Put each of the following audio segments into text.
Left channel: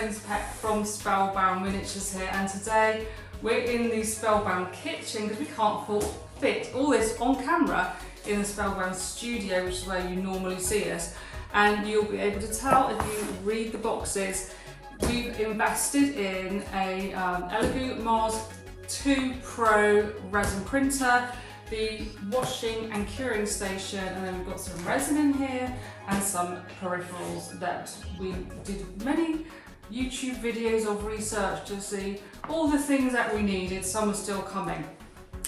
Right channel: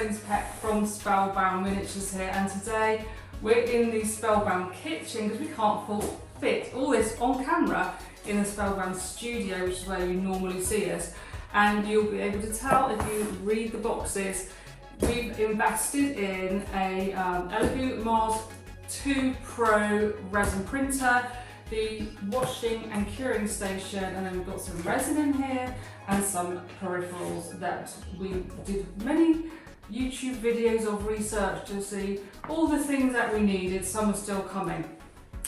name's Pet from Spellbound Miniatures here, and today we're in the Spellbound kitchen because we can't fit all this on camera in the Spellbound studio, which is where you normally see us. And you'll be able to tell if you read the boxes. We've invested in a Elegoo Mars 2 Pro resin printer, the washing and curing station, and then we've got some resin in here and some peripherals that we did many YouTube videos of research to see all the things that we needed. Some are still coming,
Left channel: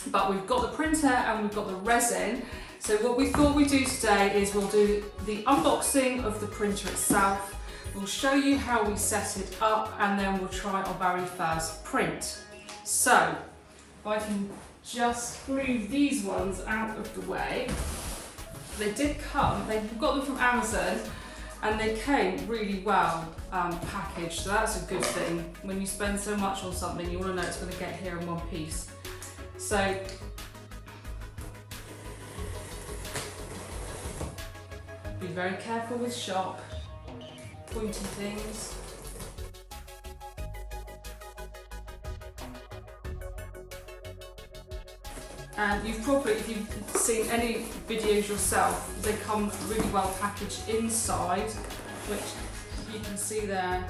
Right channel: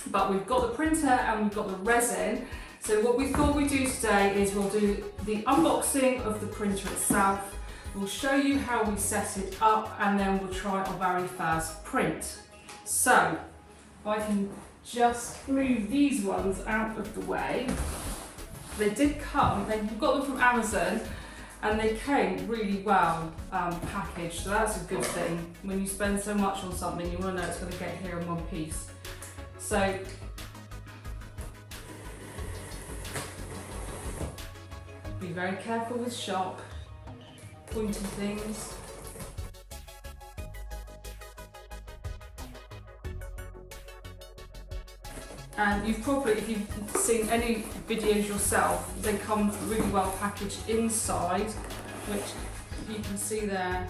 but we've got the printer and we've got the resin. So what we thought we'd do today is we'll do the unboxing of the printer itself. We'll show you how we set it up, and then we'll try our very first print. So if I can just move these ones out of the way. They did come, they got them from Amazon, and they came really well packaged, so that's a good thing. When you spend so much on something, you want to know it's going to get here in one piece. So be very careful with sharp pointy things. And you've probably, if you've seen any videos yourself, they come really well packaged inside, which you can see there,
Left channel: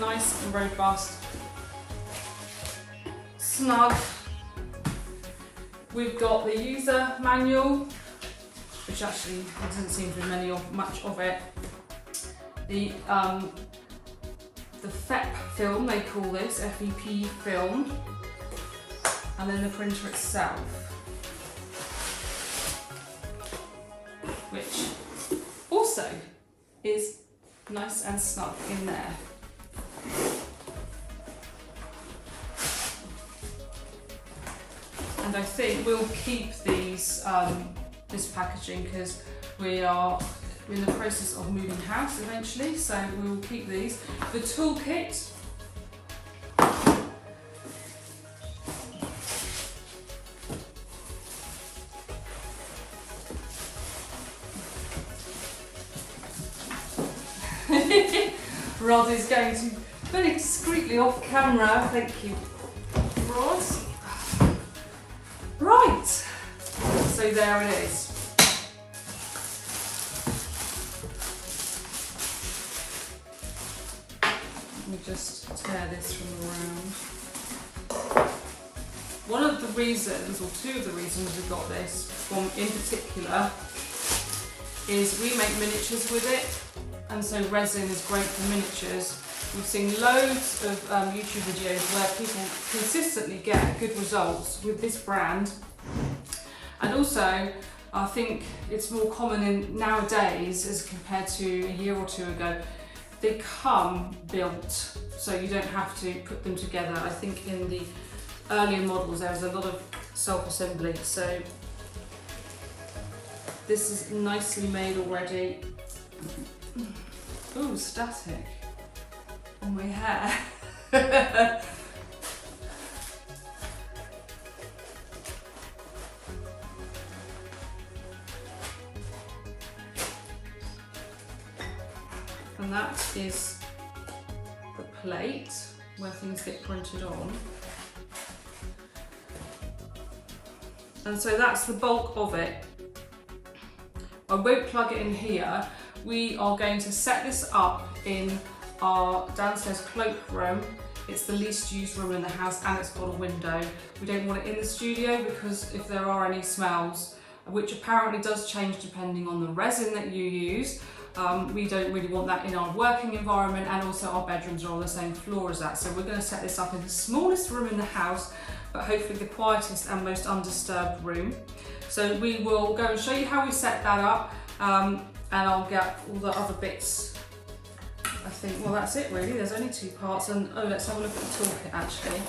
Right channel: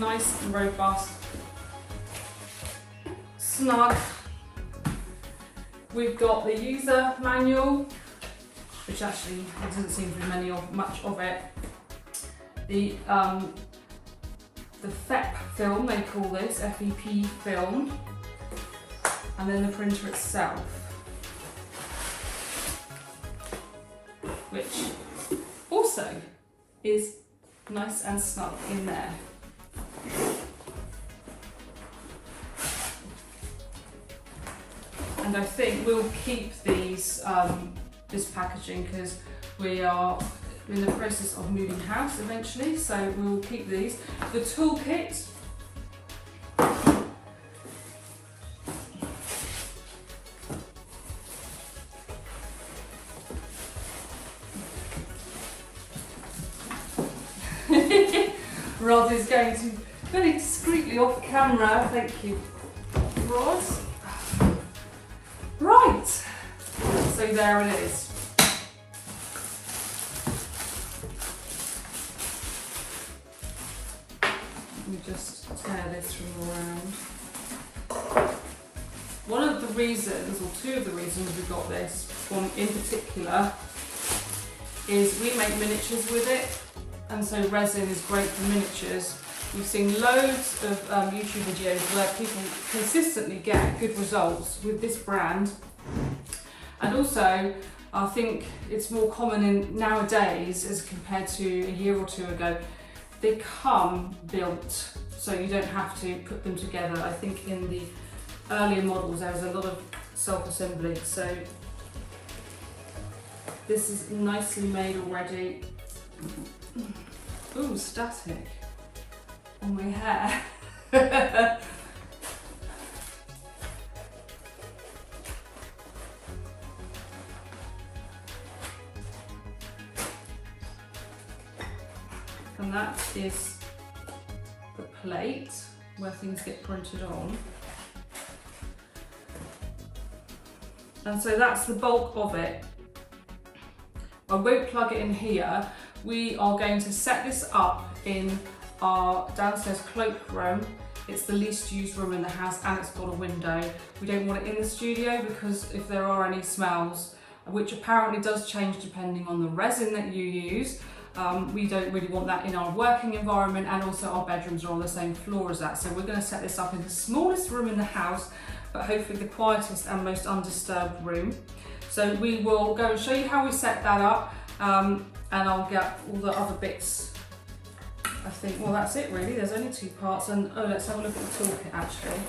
nice and robust, snug. We've got the user manual, which actually there doesn't seem to be much of it. The FEP film, they call this, FEP film, and then the printer itself, which also is nice and snug in there. And I think we'll keep these this packaging because we are in the process of moving house eventually, so we will keep these. The toolkit, Rod is going to very discreetly off camera. Thank you, Rod. Right, so there it is. Let me just tear this from around. One of the reasons, or two of the reasons we got this one in particular, is we make miniatures with it. And so resin is great for miniatures. We've seen loads of YouTube videos where people consistently get good results with this brand. And also, I think it's more common in nowadays as compared to a year or two ago. They come built, so you don't have to put them together. I think in the earlier models there was a lot of self-assembly. So this is nicely made already. Ooh, static on my hair. And that is the plate where things get printed on. And so that's the bulk of it. I won't plug it in here. We are going to set this up in our downstairs cloakroom. It's the least used room in the house and it's got a window. We don't want it in the studio because if there are any smells, which apparently does change depending on the resin that you use, we don't really want that in our working environment, and also our bedrooms are on the same floor as that. So we're going to set this up in the smallest room in the house, but hopefully the quietest and most undisturbed room. So we will go and show you how we set that up. And I'll get all the other bits. I think, well, that's it really. There's only two parts, and oh, let's have a look at the toolkit actually.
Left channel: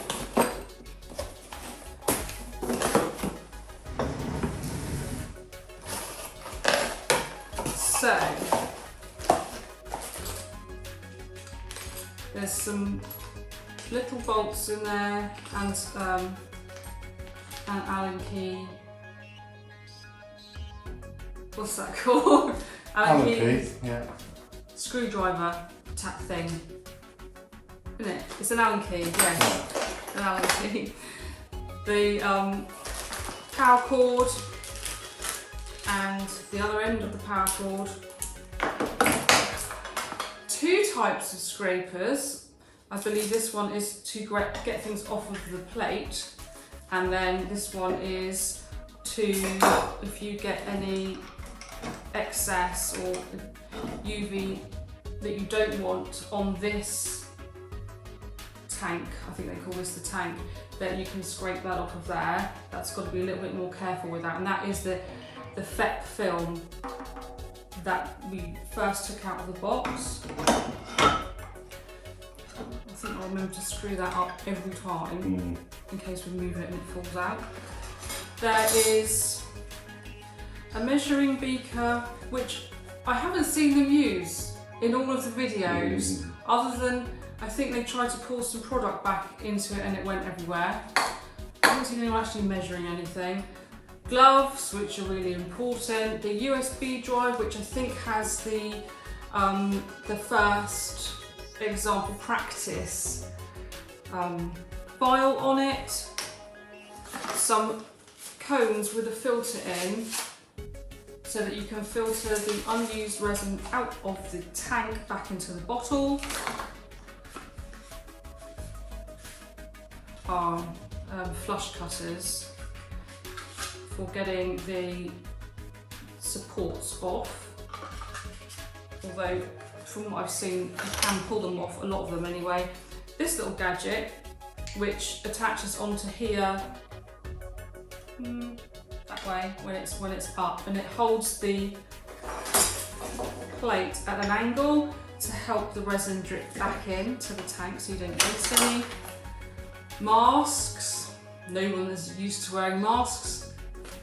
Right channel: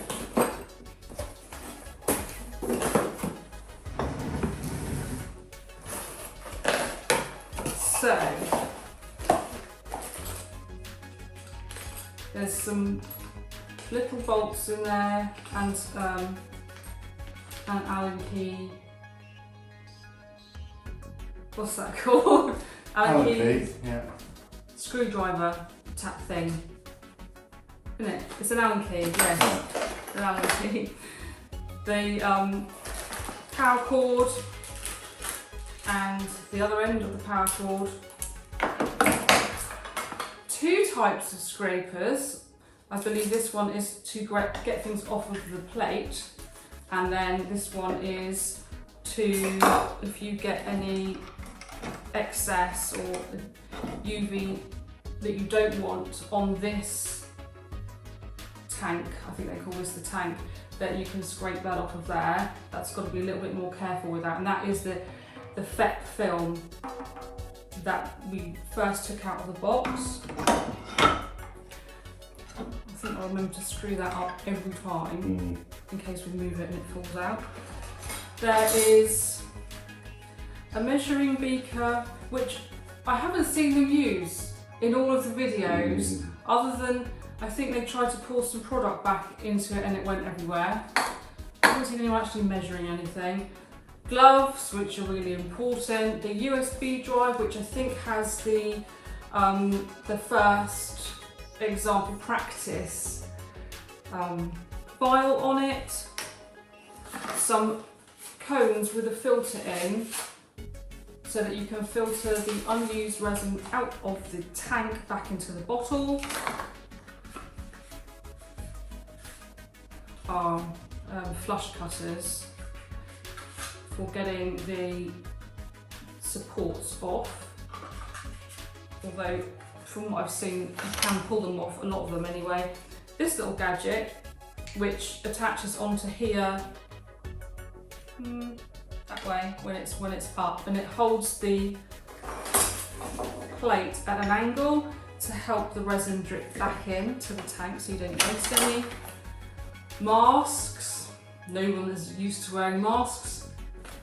So, there's some little bolts in there, and an Allen key. What's that called? Allen key, yeah. Screwdriver type thing. isn't it? It's an Allen key, yes, an Allen key. The power cord and the other end of the power cord. 2 types of scrapers. I believe this one is to get things off of the plate, and then this one is to, if you get any excess or UV that you don't want on this tank, I think they call this the tank, that you can scrape that off of there. That's got to be a little bit more careful with that, and that is the FEP film that we first took out of the box. I think I'll remember to screw that up every time in case we move it and it falls out. There is a measuring beaker, which I haven't seen them use in all of the videos, other than I think they tried to pour some product back into it and it went everywhere. I haven't seen anyone actually measuring anything. Gloves, which are really important. The USB drive, which I think has the first example practice file on it. Some cones with a filter in, so that you can filter the unused resin out of the tank back into the bottle. Flush cutters for getting the supports off, although from what I've seen you can pull them off, a lot of them anyway. This little gadget which attaches onto here that way when it's up, and it holds the plate at an angle to help the resin drip back into the tank so you don't waste any. Masks, no one is used to wearing masks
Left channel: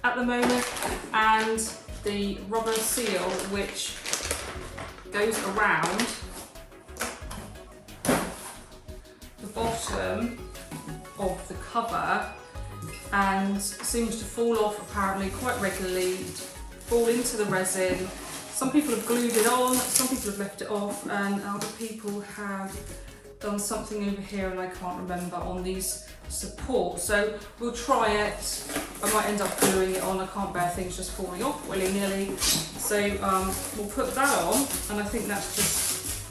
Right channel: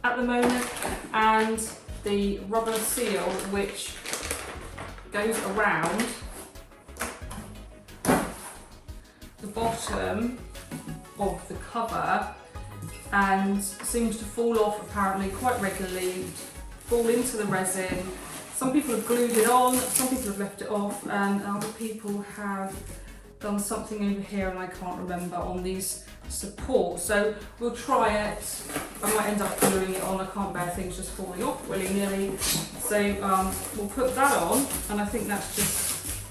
at the moment, and the rubber seal which goes around the bottom of the cover and seems to fall off apparently quite regularly, fall into the resin. Some people have glued it on, some people have left it off, and other people have done something over here and I can't remember on these supports. So we'll try it. I might end up gluing it on. I can't bear things just falling off willy-nilly. So we'll put that on, and I think that's just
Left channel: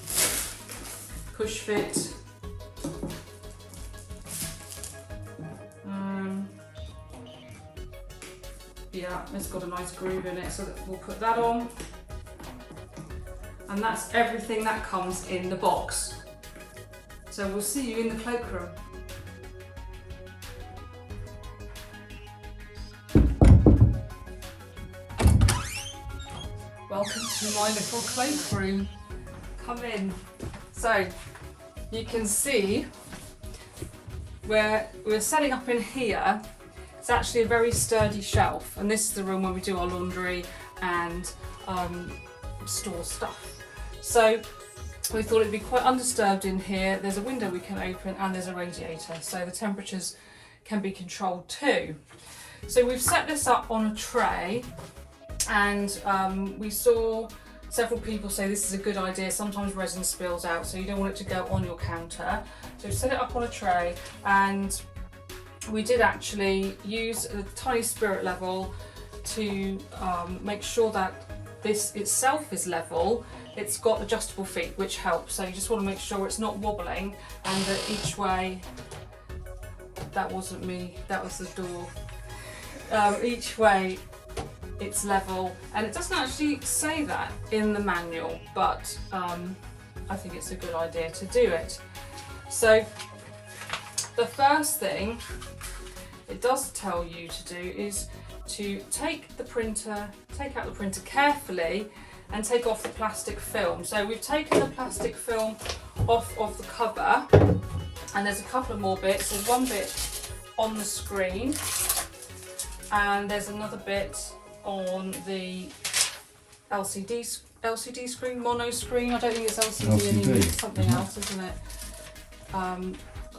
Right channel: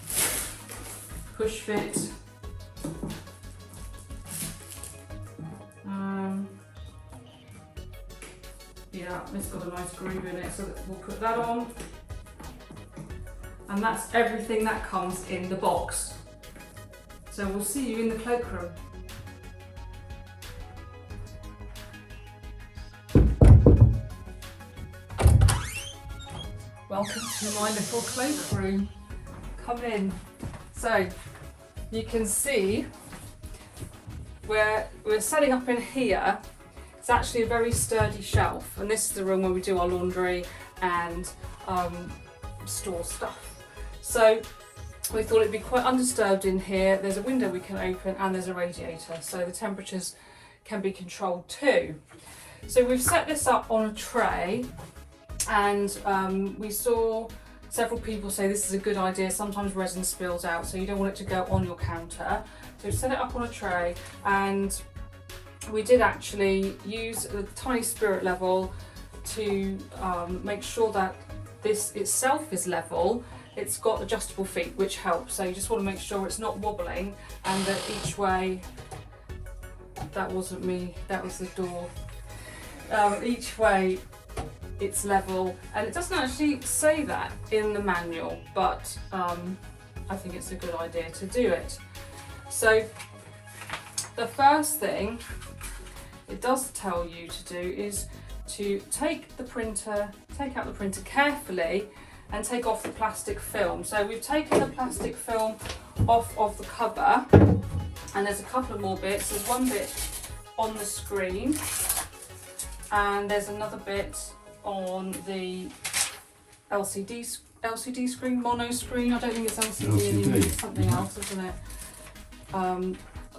push fit. Yeah, it's got a nice groove in it, so we'll put that on. And that's everything that comes in the box. So we'll see you in the cloakroom. Welcome to my little cloakroom. Come in. So you can see we're setting up in here. It's actually a very sturdy shelf, and this is the room where we do our laundry and store stuff. So we thought it'd be quite undisturbed in here. There's a window we can open and there's a radiator, so the temperatures can be controlled too. So we've set this up on a tray, and we saw several people say this is a good idea. Sometimes resin spills out, so you don't want it to go on your counter. So we set it up on a tray, and we did actually use a tiny spirit level to make sure that this itself is level. It's got adjustable feet, which helps. So you just want to make sure it's not wobbling, and that each way, that wasn't me, that was the door. Each way it's level, and it doesn't actually say that in the manual, but I think it's a good idea to do it. So the first thing it does tell you to do is to take out the printer carefully and take off the plastic film. So we've taken the plastic film off of the cover, and there's a couple of more bits. There's one bit on the screen, and there's another bit on the LCD screen, mono screen. I don't think it's LCD anymore, it's something else, isn't it?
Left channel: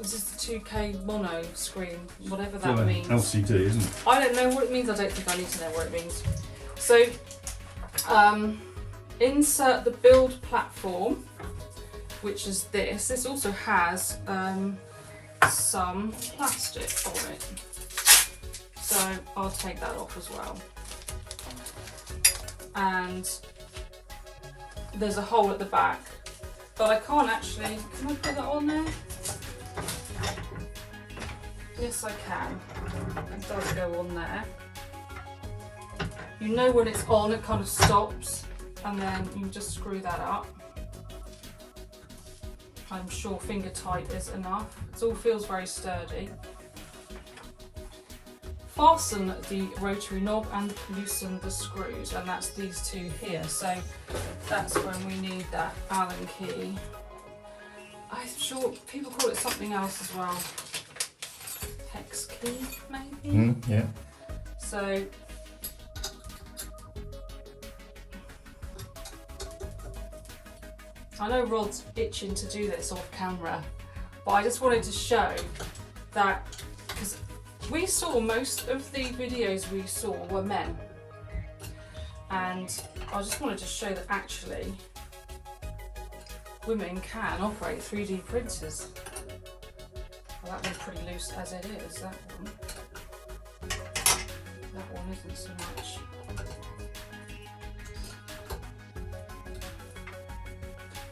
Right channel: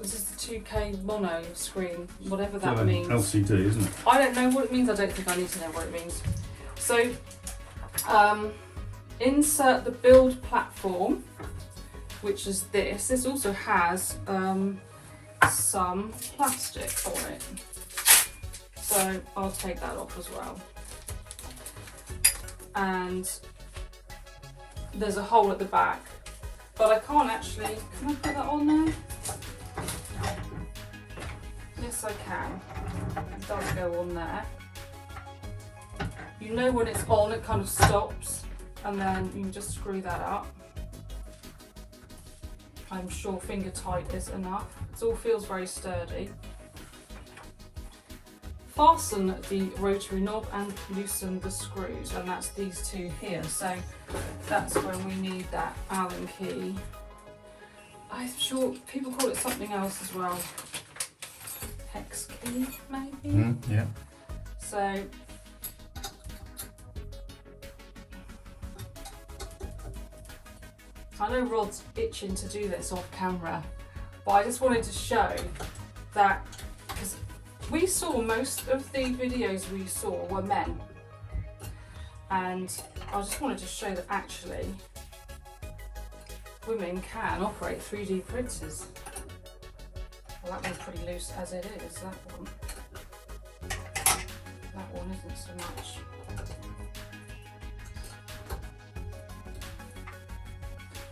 This is the 2K mono screen, whatever that means. LCD, isn't it? I don't know what it means. I don't think I need to know what it means. So insert the build platform which is this. This also has some plastic on it, so I'll take that off as well. And there's a hole at the back, but I can't actually, can I put that on there? Yes, I can. It does go on there. You know when it's on, it kind of stops, and then you can just screw that up. I'm sure finger tight is enough. It all feels very sturdy. Fasten the rotary knob and loosen the screws, and that's these two here. So that's when we need that Allen key. I'm sure people call it something else as well. Hex key, maybe? Yeah. So I know Rod's itching to do this off camera, but I just wanted to show that, because we saw most of the videos we saw were men, and I just wanted to show that actually women can operate 3D printers. Well, that one's pretty loose as it is, that one. That one isn't so much.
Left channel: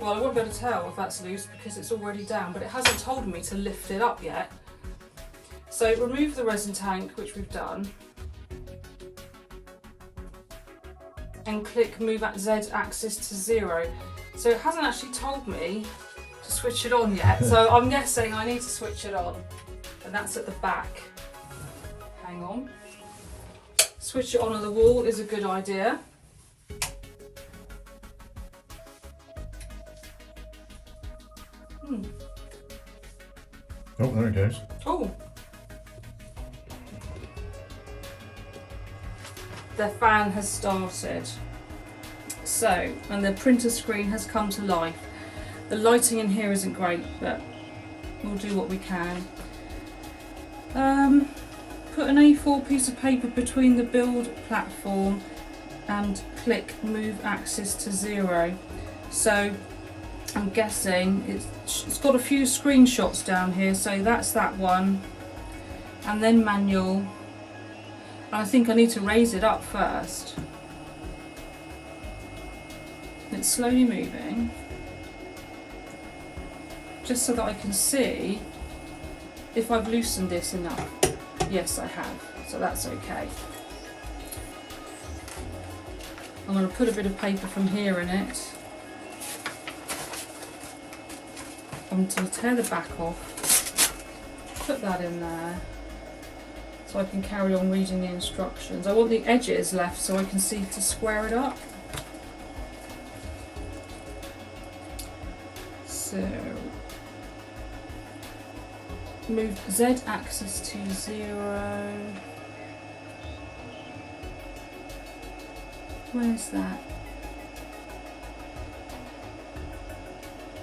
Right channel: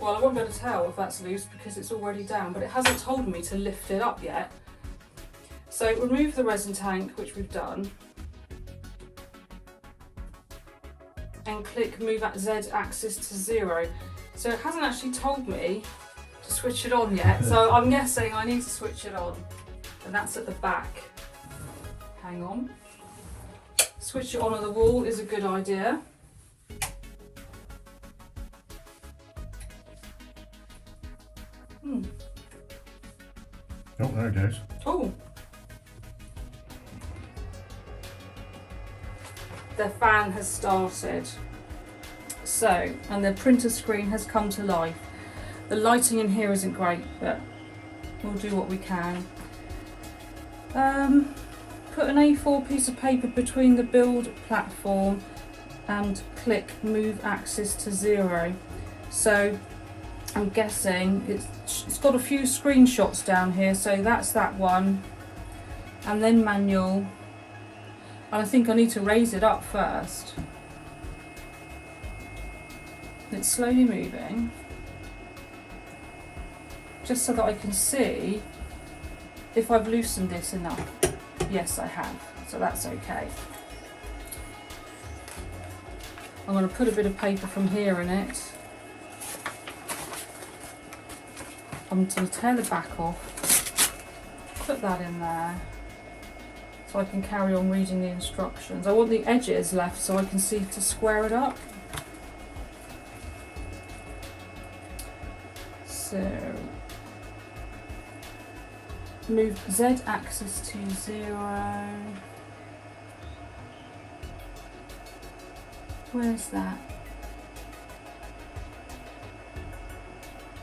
Well, I won't be able to tell if that's loose because it's already down, but it hasn't told me to lift it up yet. So remove the resin tank, which we've done, and click move at Z axis to 0. So it hasn't actually told me to switch it on yet, so I'm guessing I need to switch it on, and that's at the back. Hang on. Switch it on at the wall is a good idea. Oh, there it goes. Oh! The fan has started. So, and the printer screen has come to life. The lighting in here isn't great, but we'll do what we can. Put an A4 piece of paper between the build platform and click move axis to 0. So I'm guessing it's got a few screenshots down here, so that's that one, and then manual, and I think I need to raise it up first. It's slowly moving, just so that I can see if I've loosened this enough. Yes, I have, so that's okay. I'm going to put a bit of paper from here in it. I'm going to tear the back off, put that in there, so I can carry on reading the instructions. I want the edges left so I can see to square it up. So, move Z axis to 0. Where's that?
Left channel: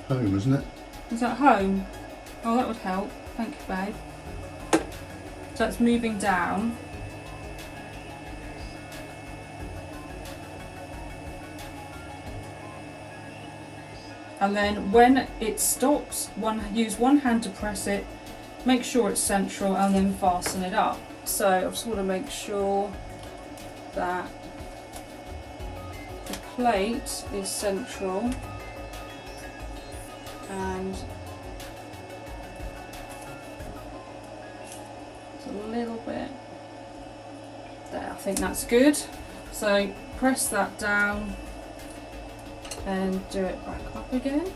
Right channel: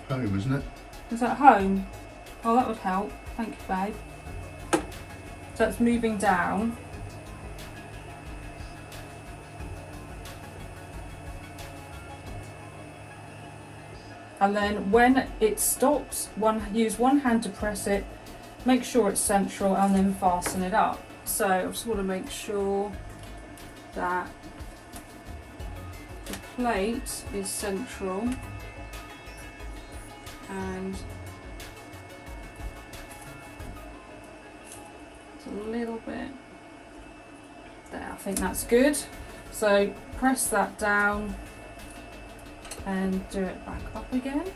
Home, isn't it? Is that home? Oh, that would help. Thank you, babe. So it's moving down. And then when it stops, use one hand to press it, make sure it's central, and then fasten it up. So I just want to make sure that the plate is central. And it's a little bit there, I think that's good. So press that down and do it back up again.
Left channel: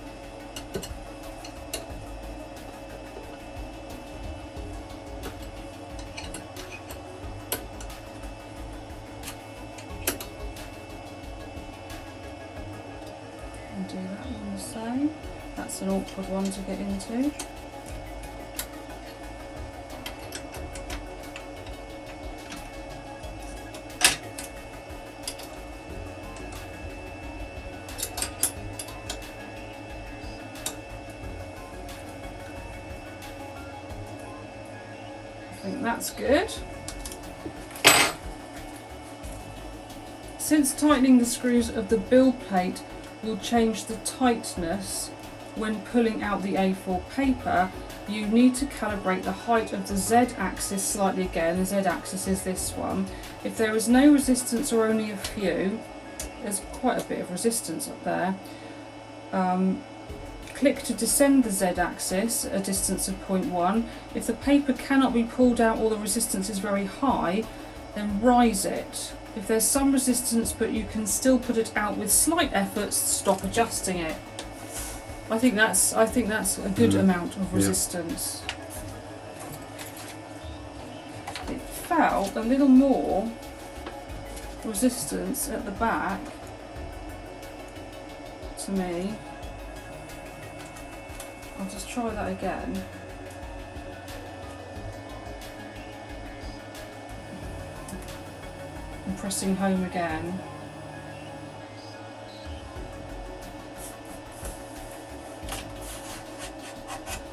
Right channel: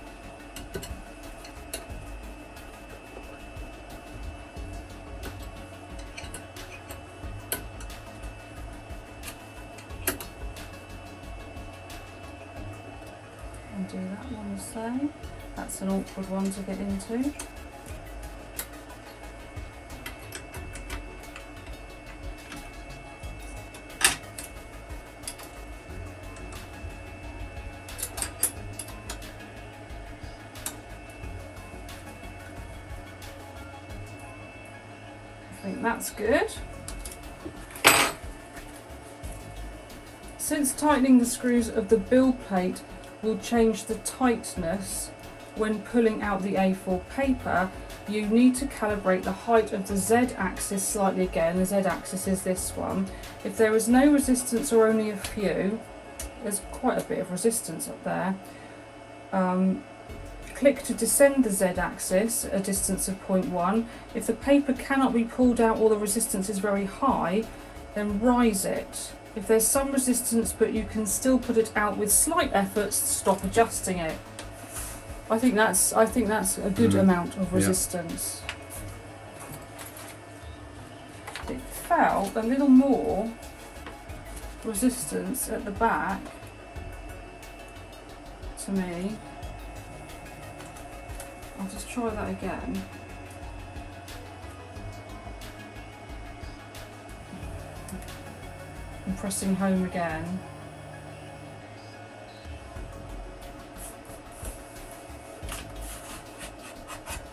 And do that one the same. That's an awkward one to get into. I think that's good. Since tightening the screws of the build plate will change the tightness when pulling out the A4 paper, you need to calibrate the height of the Z-axis slightly again. The Z-axis is this one. If there is no resistance or only a few, there's quite a bit of resistance up there. Click to descend the Z-axis at a distance of 0.1. If the paper cannot be pulled out or the resistance is very high, then rise it. If there's some resistance but you can still put it out with slight efforts, stop adjusting it. I think that's a good amount of resistance. It felt a little more resistance at the back to me. I'll just try that again. I'm pressing home again.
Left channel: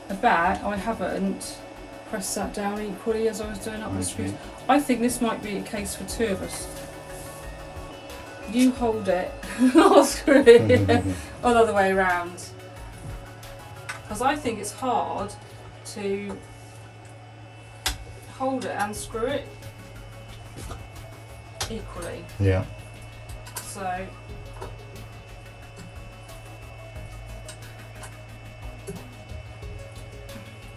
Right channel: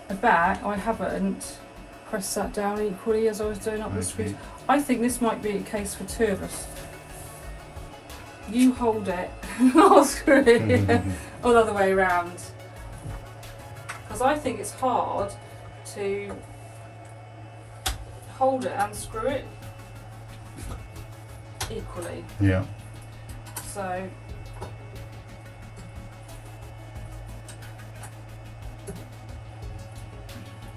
The back, I haven't pressed that down equally as I was doing up the screws. I think this might be a case for two of us. You hold it, I'll screw it, or the other way around. Because I think it's hard to hold it and screw it equally. Yeah. So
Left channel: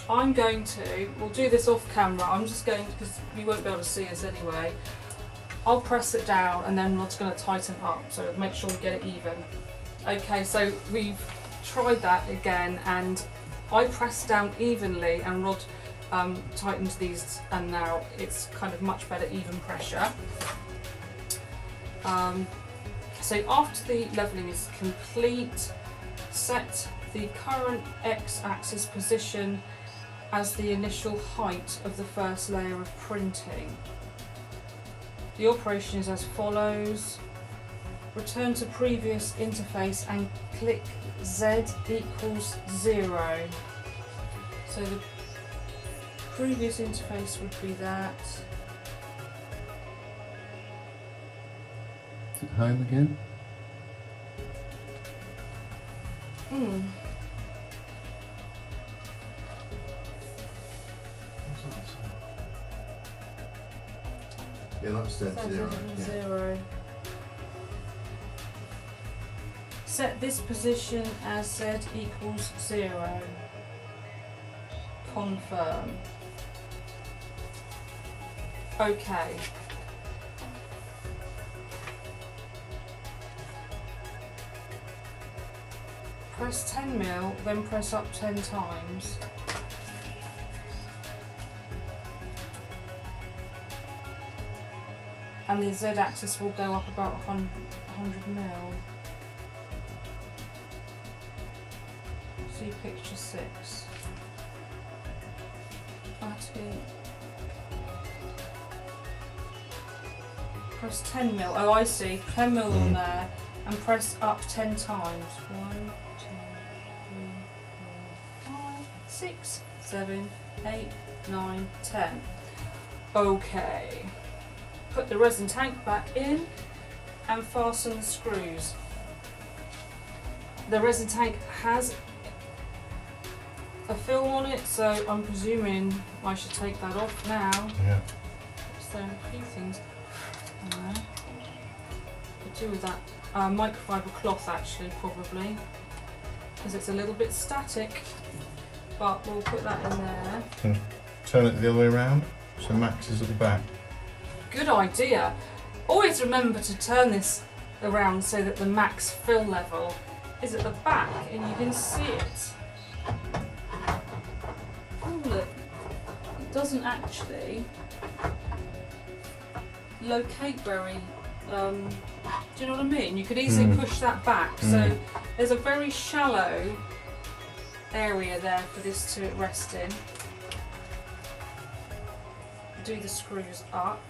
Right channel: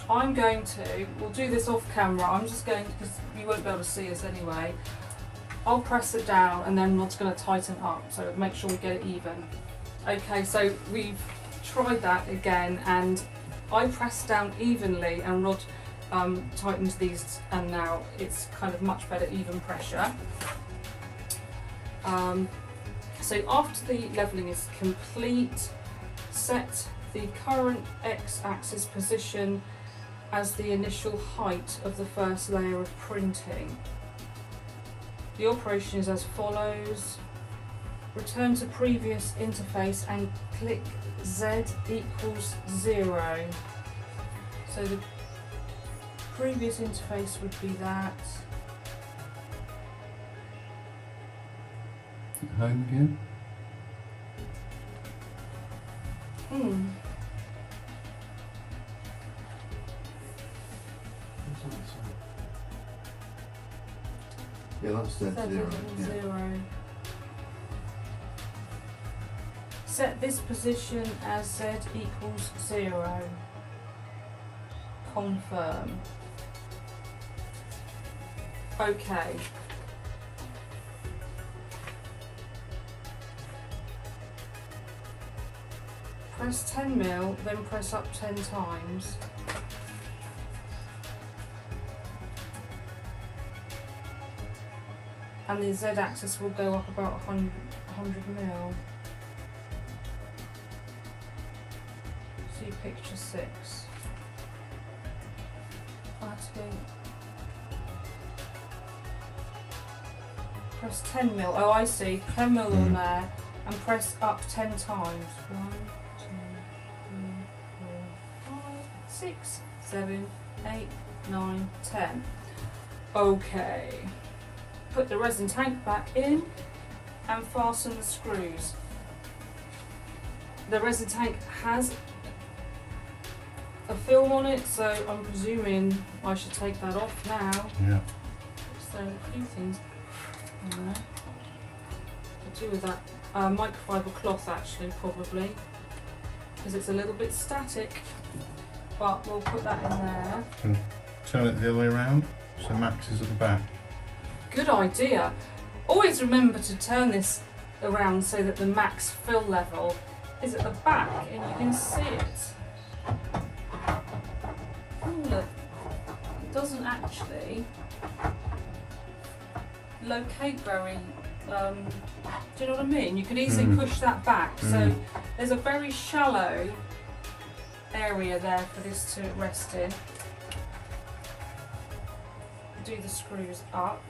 I'm going to, we'll do this off camera, I'm just going to, because you won't be able to see us anyway, I'll press it down and then I'm just going to tighten up, so make sure we get it even. Okay, so we've tried that again and I pressed down evenly and Rod tightens these, and now it's kind of much better even pressure. So after the levelling is complete, set the current X-axis position as the initial height of the first layer of printing. The operation is as follows. Return to previous interface and click Z equals 0. So the previous interface would be that. Home again? Yeah, that's Z zero. Yeah. 0. Set this position as Z equals 0. Confirm. Okay. Press 10 mil, then press up 10 times. And the Z-axis will go up about 100 mil. See picture 6. Press 10 mil. Oh, I see. 10 mil on there, and press up 10 times. 1, 2, 3, 4, 5, 6, 7, 8, 9, 10. Okay. Put the resin tank back in and fasten the screws. The resin tank has a film on it, so I'm presuming I should take that off now. Yeah. So a few things on there. I'll do with that microfiber cloth actually, probably, because it's a little bit static, but we'll put that in there. And turn it the other way around so Max is at the back. Good idea. Always remember to turn this around so that the max fill level is at the back and you can see it. Oh look, it doesn't actually locate very, do you know what I mean? You could easily push that back, so there's a very shallow area there for this to rest in. Do the screws up.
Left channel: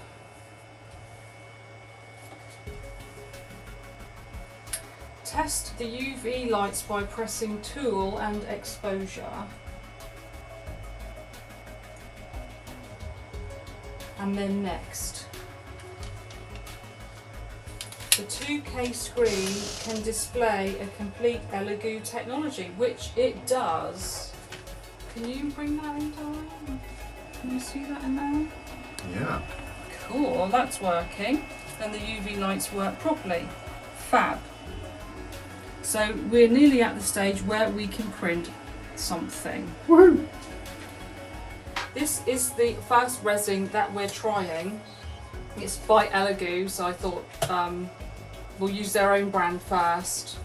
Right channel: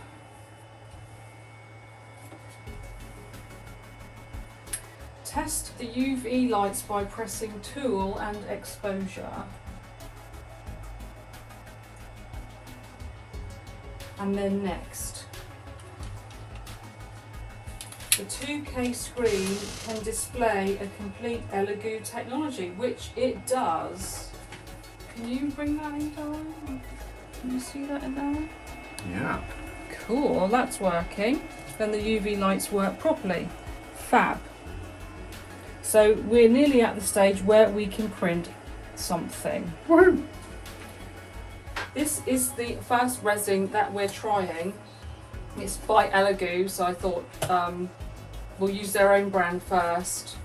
Test the UV lights by pressing tool and exposure. And then next. The 2K screen can display a complete Elegoo technology, which it does. Can you bring that in, darling? Can you see that in there? Yeah. Cool, that's working. Then the UV lights work properly. Fab. So we're nearly at the stage where we can print something. Woo! This is the first resin that we're trying. It's by Elegoo, so I thought we'll use their own brand first.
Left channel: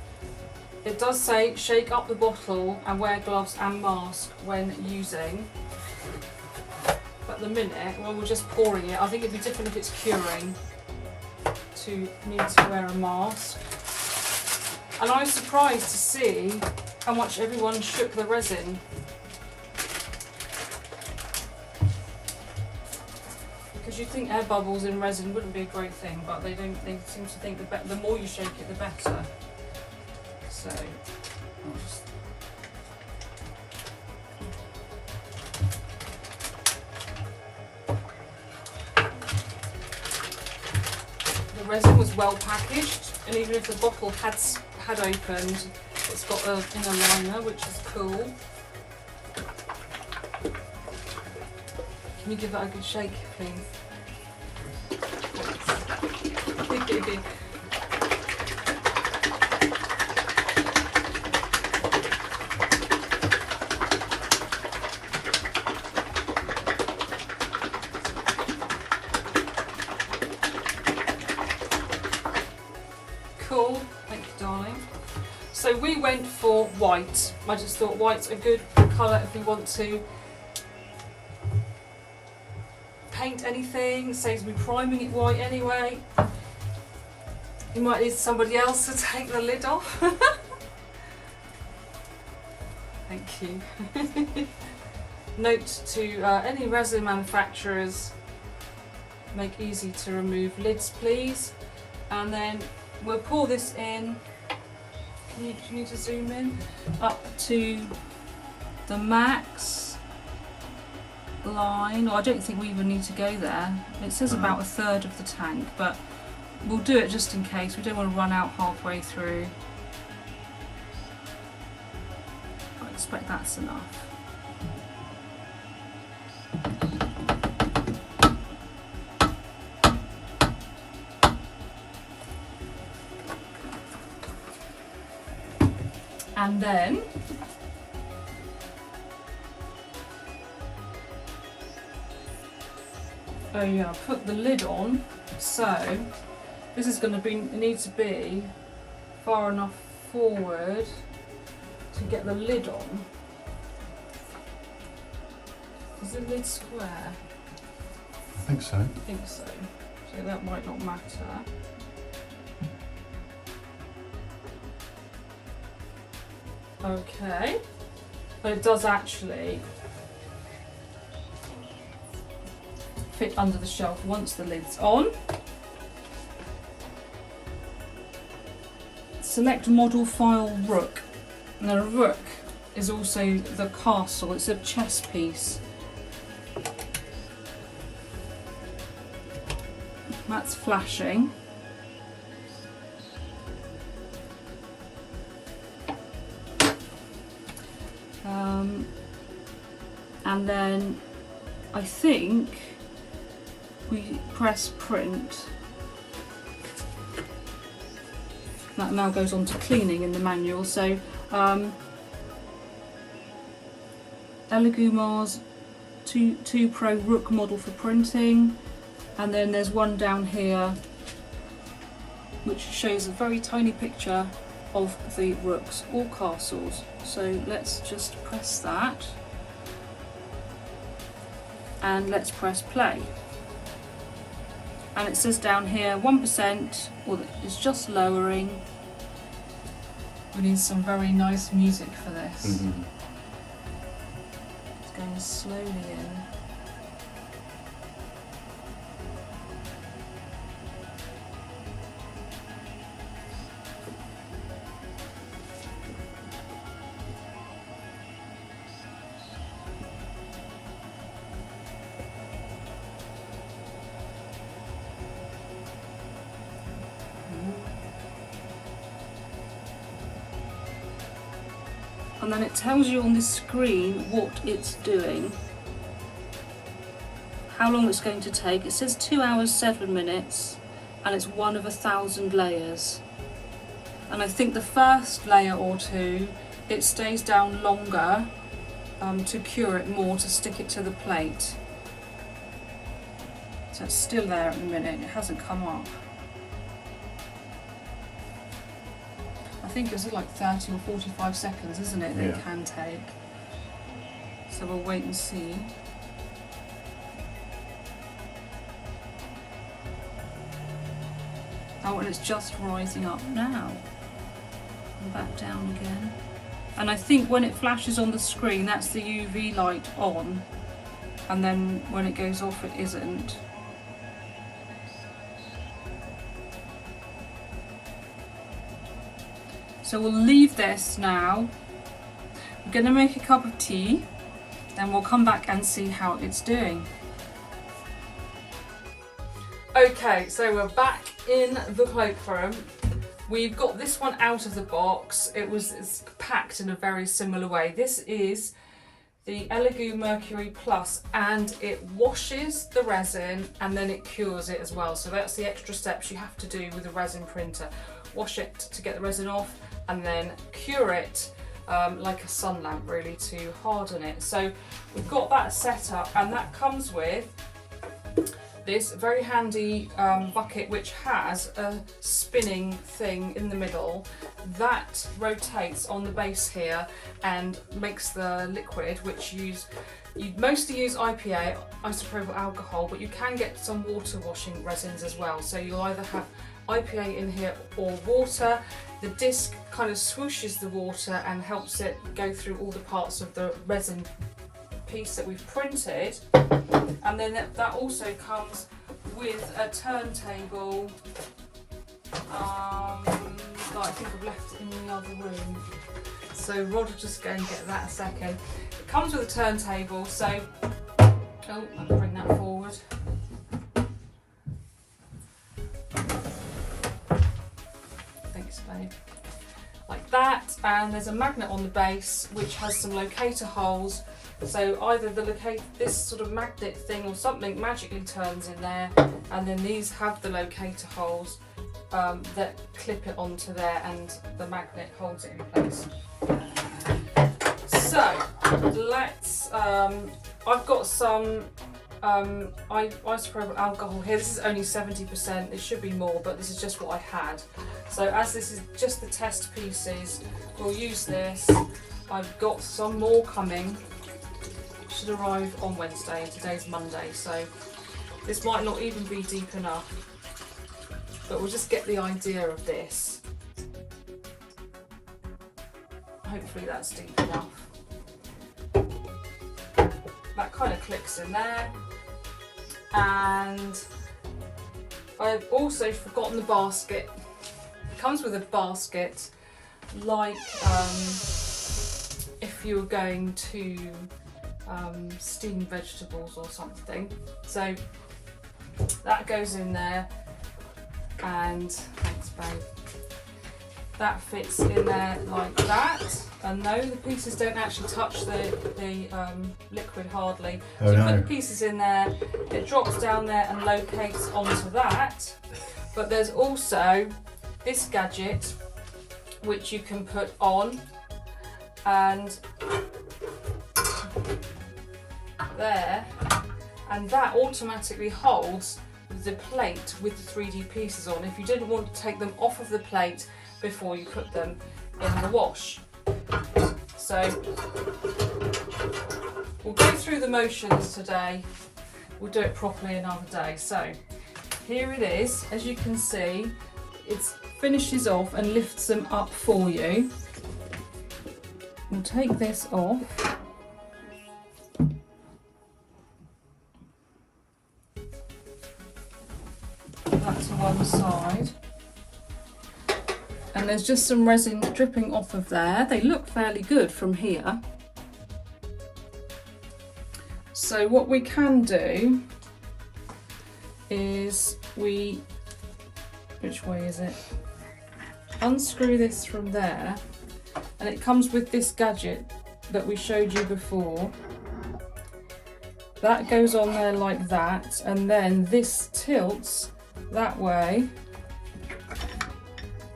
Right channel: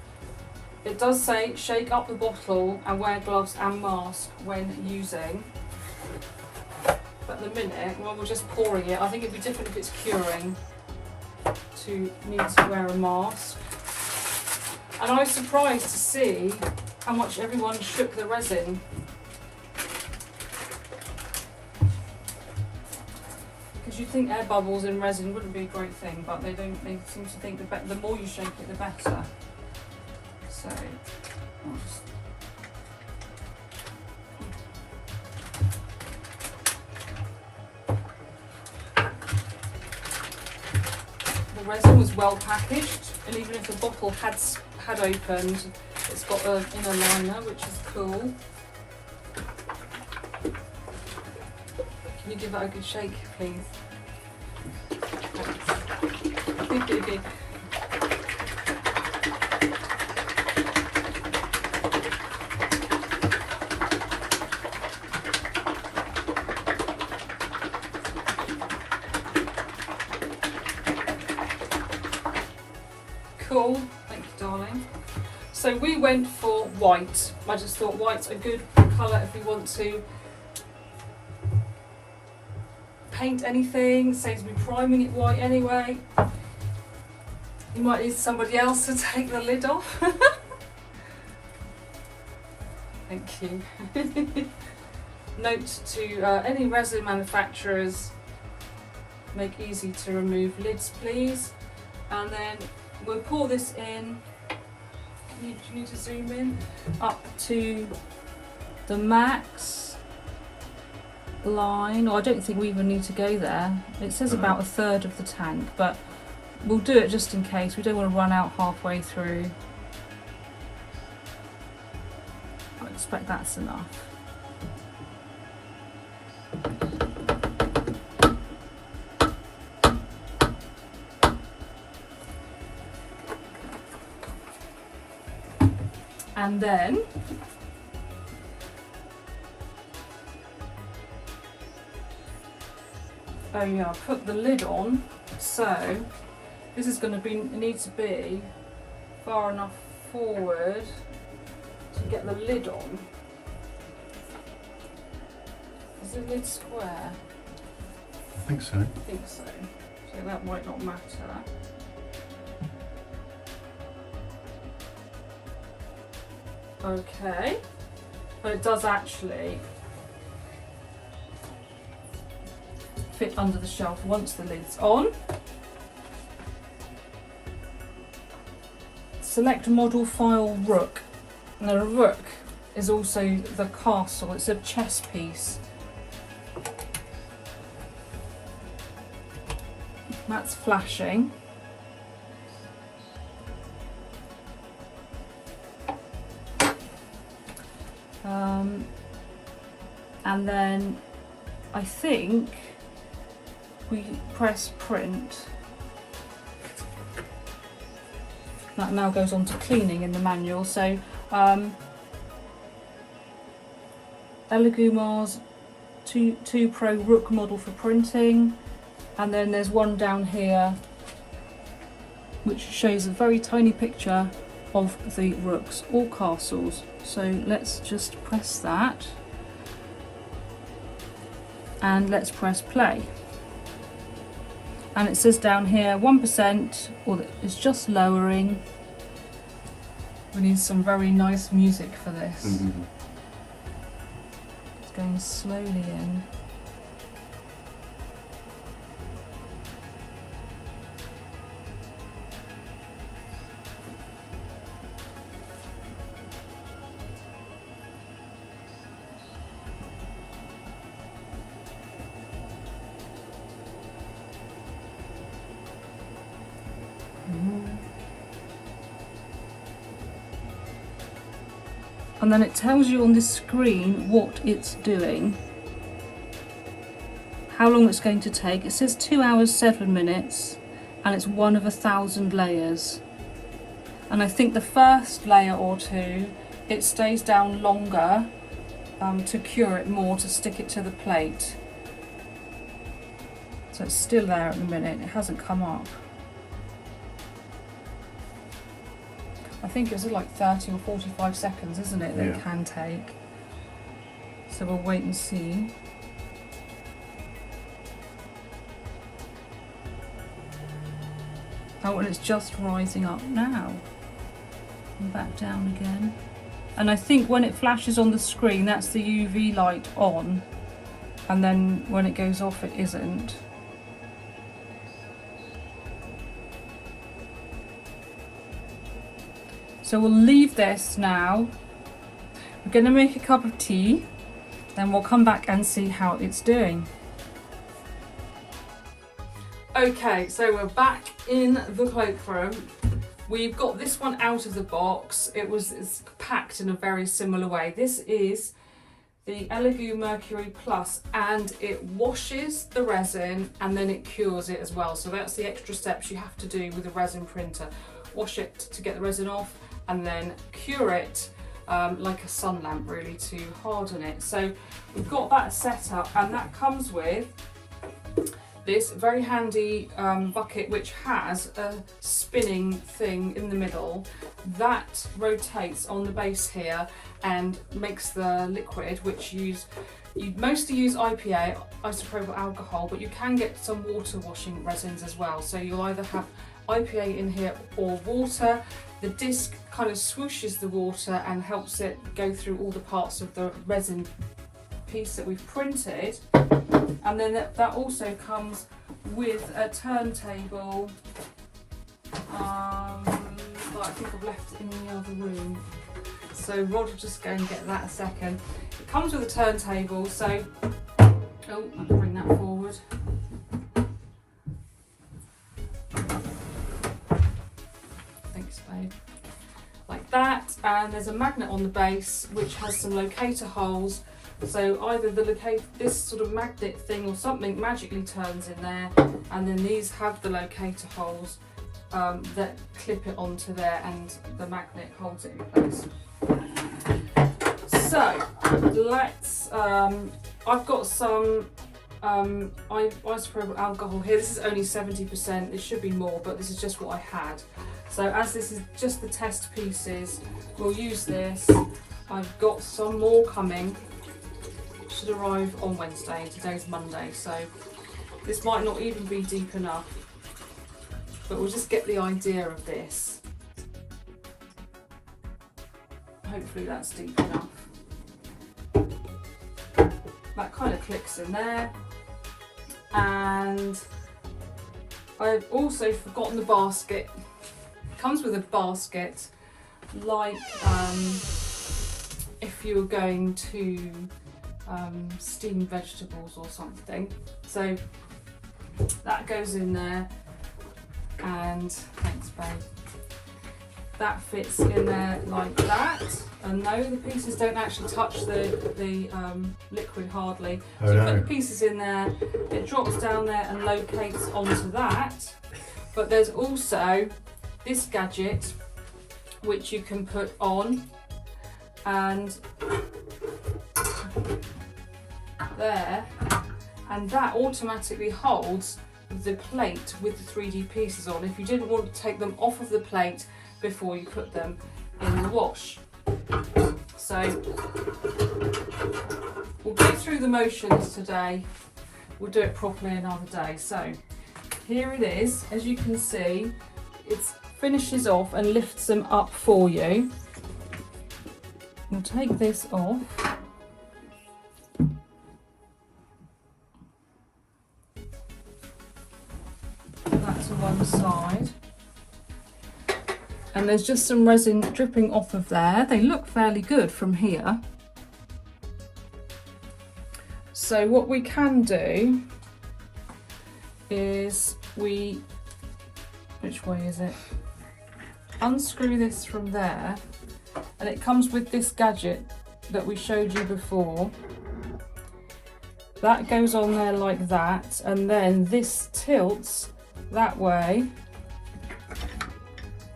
It does say shake up the bottle and wear gloves and mask when using. But at the minute, well, we're just pouring it. I think it'd be different if it's curing to need to wear a mask. And I was surprised to see how much everyone shook the resin. Because you'd think air bubbles in resin wouldn't be a great thing, but they don't. They seem to think the more you shake it, the better. So, I'll just. The resin was well packaged, and even if the bottle had opened, it's got an inner liner, which is cool. Can you give that a good shake, please? Cool, thank you, darling. So we went for white. I just thought white's a good colour if we want to paint anything. Saves me priming it white anyway. You might need somebody else to take the lid off. Thank you. Note to any resin manufacturers, make easy to remove lids please. And then we'll pour this in. Do you need to zoom in? Up to the max line. Well, I don't think we even need to go there. It says about 1/3 of the tank, but we'll do it just in case. We don't want to run out halfway through. I expect that's enough. And then put the lid on. So this is going to need to be far enough forward to get the lid on. Is the lid square? I think so. I think so. So that might not matter. Okay, but it does actually fit under the shelf once the lid's on. Select model file rook. Now a rook is also the castle, it's a chess piece. That's flashing. And then I think we press print. That now goes on to cleaning in the manual. So Elegoo Mars 2 Pro Rook model for printing, and then there's one down here which shows a very tiny picture of the rooks or castles. So let's just press that and let's press play. And it says down here 1%, or it's just lowering. We need some very nice music for this. Mm-hmm. It's going slowly in. and then it tells you on the screen what it's doing, how long it's going to take. It says 2 hours 7 minutes, and it's 1 of 1,000 layers. And I think the first layer or two, it stays down longer to cure it more, to stick it to the plate. So it's still there at the minute, it hasn't come up. I think it's like 30 or 45 seconds, isn't it, that it can take. So we'll wait and see. Oh, and it's just rising up now. And back down again. And I think when it flashes on the screen, that's the UV light on. And then when it goes off, it isn't. So we'll leave this now. I'm gonna make a cup of tea, then we'll come back and see how it's doing. Okay, so we're back in the cloakroom. We've got this one out of the box. It's packed in a very similar way. This is the Elegoo Mercury Plus, and it washes the resin and then it cures it as well. So that's the extra steps you have to do with a resin printer. Wash it to get the resin off, and then cure it like a sun lamp, really, to harden it. So we've got that set up, and that comes with this very handy bucket, which has a spinning thing in the middle that rotates on the base here and makes the liquid, which you mostly use IPA, isopropyl alcohol, but you can get some water washing resins as well. So you'll either have IPA in here or water. The disc kind of swooshes the water and helps it go through all the parts of the resin piece that we've printed. And then that also comes with a turntable that I think I've left in the other room. So Rod will just go and get that a second. It comes with a turntable, so I'll bring that forward. Thanks, babe. Like that, and there's a magnet on the base which has some locator holes. So either this sort of magnet thing or something magically turns in there, and then these have the locator holes that clip it onto there, and the magnet holds it in place. So let's, I've got some isopropyl alcohol here. This is only 70%, it should be more, but this is just what I had. So as this is just the test pieces, we'll use this. I've got some more coming. Should arrive on Wednesday, and today's Monday, so this might not even be deep enough, but we'll just get the idea of this. Hopefully that's deep enough. That kind of clicks in there, and I've also forgotten the basket. It comes with a basket, like if you were going to steam vegetables or something. So that goes in there, and thanks, babe. That fits in there like that, and no, the pieces don't actually touch the liquid hardly. So you put the pieces in there, it drops down there and locates onto that. But there's also this gadget which you can put on, and there, and that automatically holds the plate with the 3D pieces on if you didn't want to take them off of the plate before you put them in the wash. So we'll go through the motions today, we'll do it properly another day. So here it is, as you can see, it finishes off and lifts them up for you. We'll take this off. That's one side, and there's just some resin dripping off of there. They look fairly good from here. So what we can do is which way is it? Unscrew this from there, and it comes with this gadget that we showed you before. That goes on there like that, and then this tilts that way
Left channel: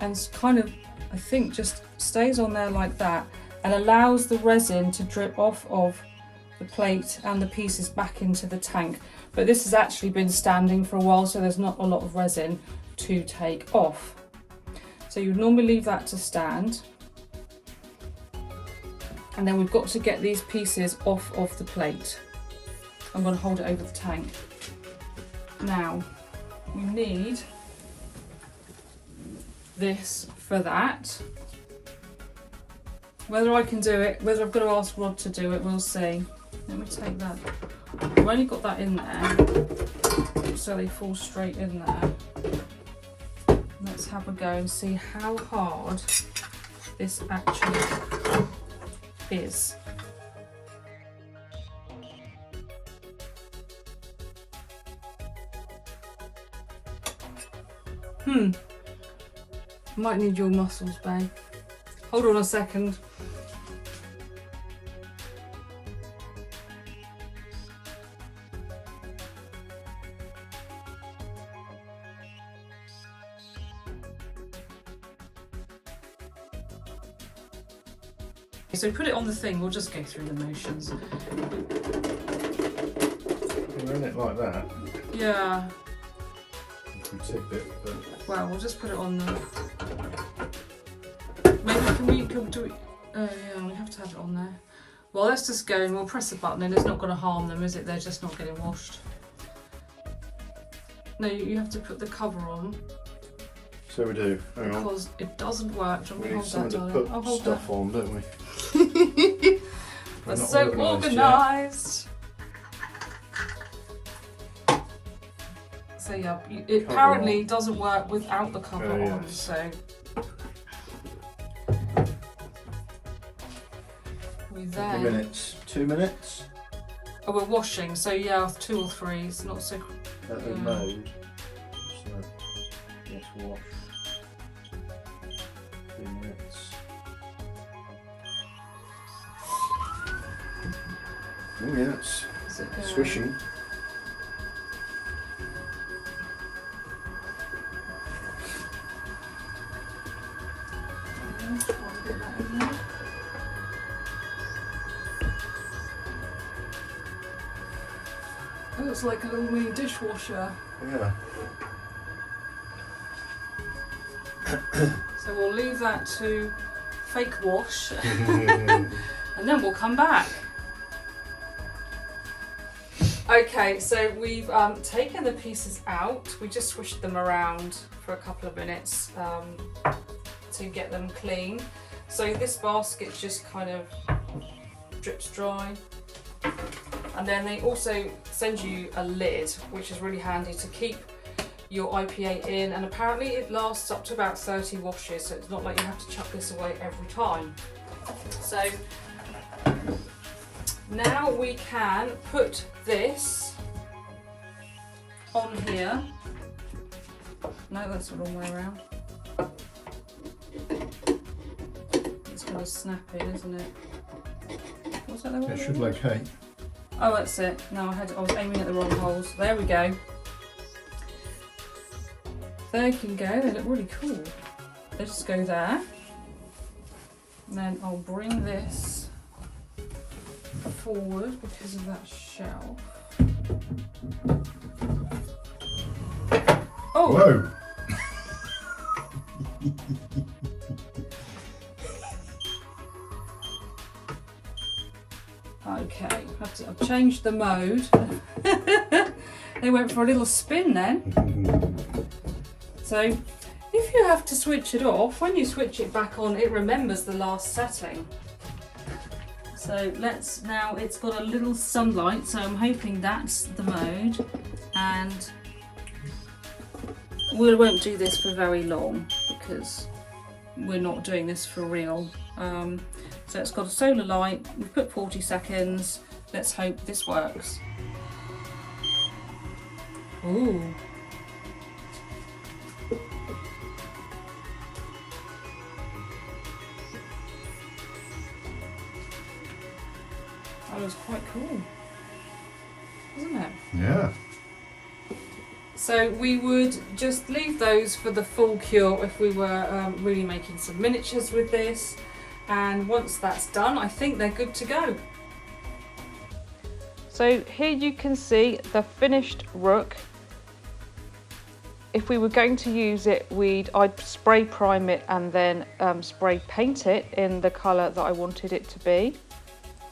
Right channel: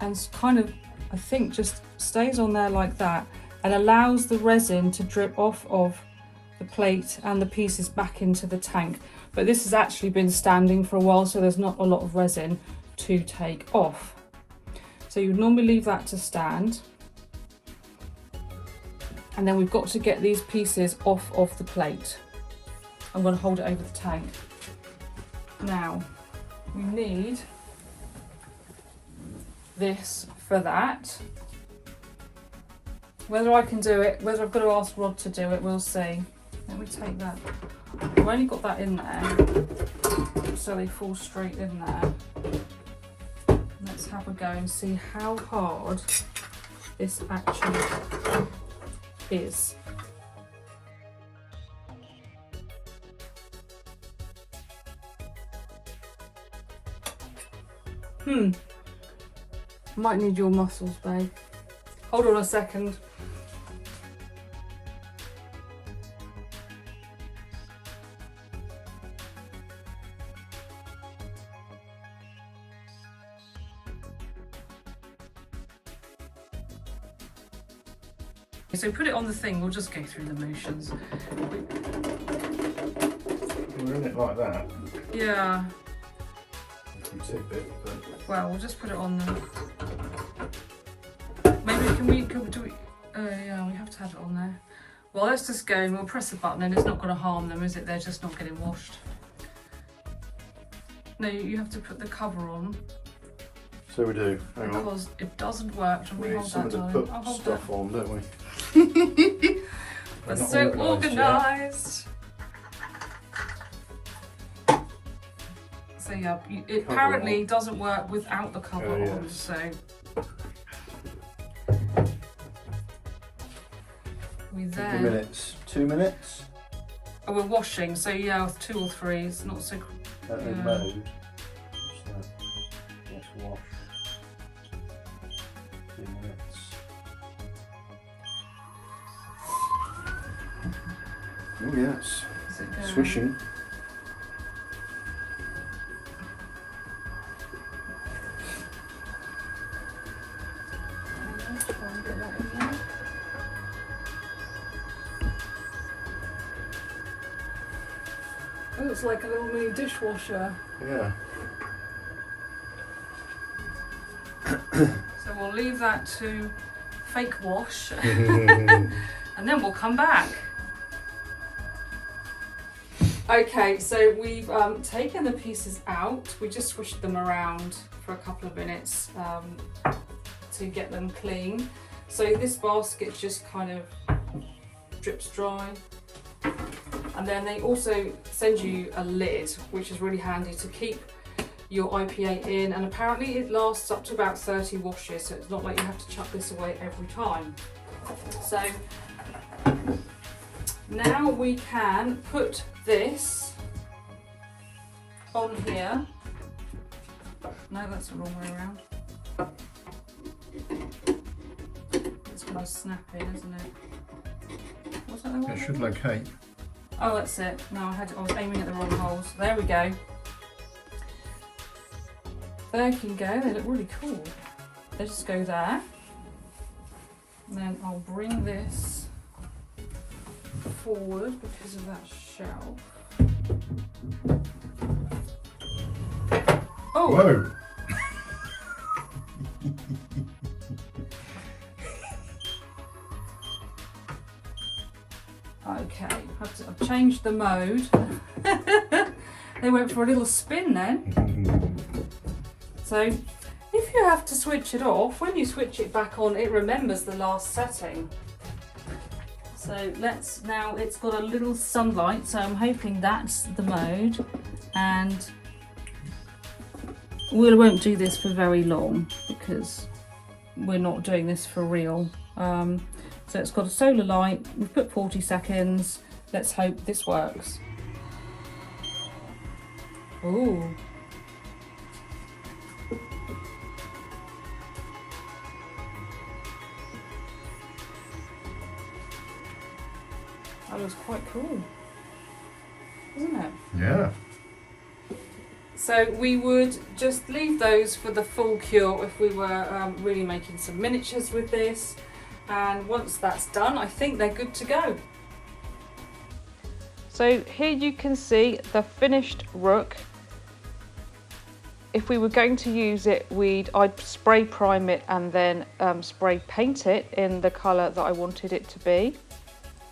and kind of, I think, just stays on there like that and allows the resin to drip off of the plate and the pieces back into the tank. But this has actually been standing for a while, so there's not a lot of resin to take off. So you normally leave that to stand. And then we've got to get these pieces off of the plate. I'm going to hold it over the tank. Now, we need this for that. Whether I can do it, whether I've got to ask Rod to do it, we'll see. Let me take that. I've only got that in there, so they fall straight in there. Let's have a go and see how hard this actually is. Might need your muscles, babe. Hold on a second. So put it on the thing, we'll just go through the motions. We're in it like that. Yeah. You can tip it, but Well, we'll just put it on the... Maybe can we do it? Oh yeah, we have to have it on there. Well, let's just go and we'll press a button and it's not going to harm them, is it? They're just not getting washed. No, you have to put the cover on. so we do. Hang on. Because it doesn't work. We need someone to put stuff on, don't we? We're not so organised. So yeah, it Cover apparently on. doesn't work without the cover on. Yes. So we How then. many minutes? 2 minutes? Oh, we're washing. So yeah, 2 or 3. It's not so. At the Yeah. mode. What's that? Let's wash. 2 minutes. Oh yes, Is it going? swishing. Let's try and get that in there. It looks like a little mini dishwasher. Yeah. So we'll leave that to fake wash and then we'll come back. Okay, so we've taken the pieces out. We just swished them around for a couple of minutes to get them clean. So this basket just kind of drips dry. And then they also send you a lid, which is really handy to keep your IPA in, and apparently it lasts up to about 30 washes, so it's not like you have to chuck this away every time. So now we can put this on here. No, that's the wrong way around. It's going to snap in, isn't it? What's that? it should locate. Oh, that's it. No, I was aiming at the wrong holes. There we go. There can go. They look really cool. They just go there. And then I'll bring this forward because of that shelf. Oh! Whoa! Okay, I've changed the mode. They went for a little spin then. So if you have to switch it off, when you switch it back on, it remembers the last setting. So let's now, it's got a little sunlight, so I'm hoping that's the mode. And we won't do this for very long because we're not doing this for real. So it's got a solar light, we've put 40 seconds. Let's hope this works. Ooh. That looks quite cool, isn't it? Yeah. So we would just leave those for the full cure if we were really making some miniatures with this. And once that's done, I think they're good to go. So here you can see the finished rook. If we were going to use it, I'd spray prime it and then spray paint it in the colour that I wanted it to be.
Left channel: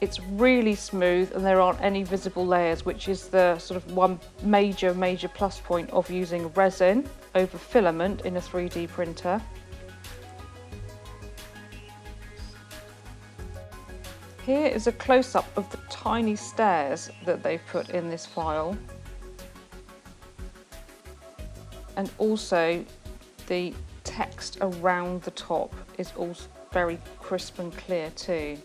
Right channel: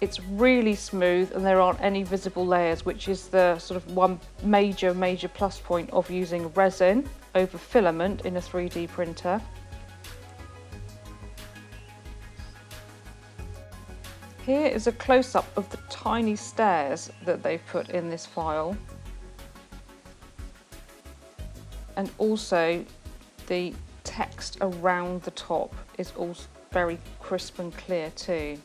It's really smooth and there aren't any visible layers, which is the sort of one major plus point of using resin over filament in a 3D printer. Here is a close-up of the tiny stairs that they've put in this file. And also the text around the top is also very crisp and clear too.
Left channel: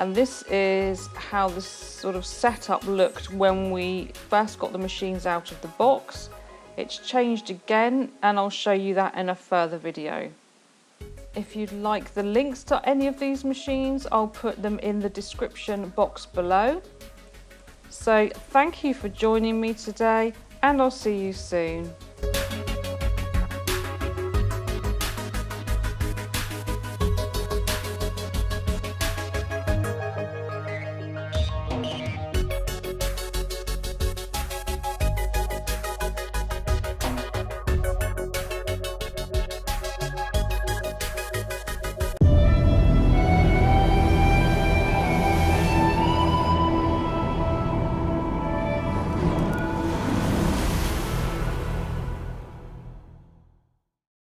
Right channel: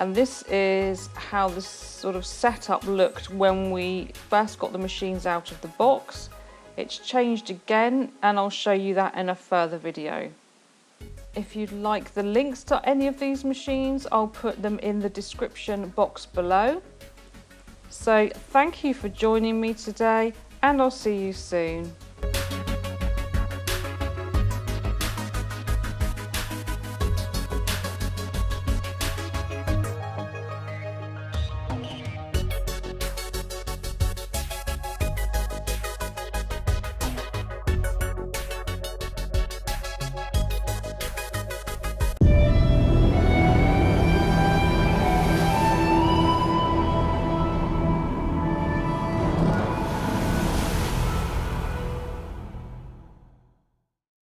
And this is how this sort of setup looked when we first got the machines out of the box. It's changed again and I'll show you that in a further video. If you'd like the links to any of these machines, I'll put them in the description box below. So thank you for joining me today and I'll see you soon.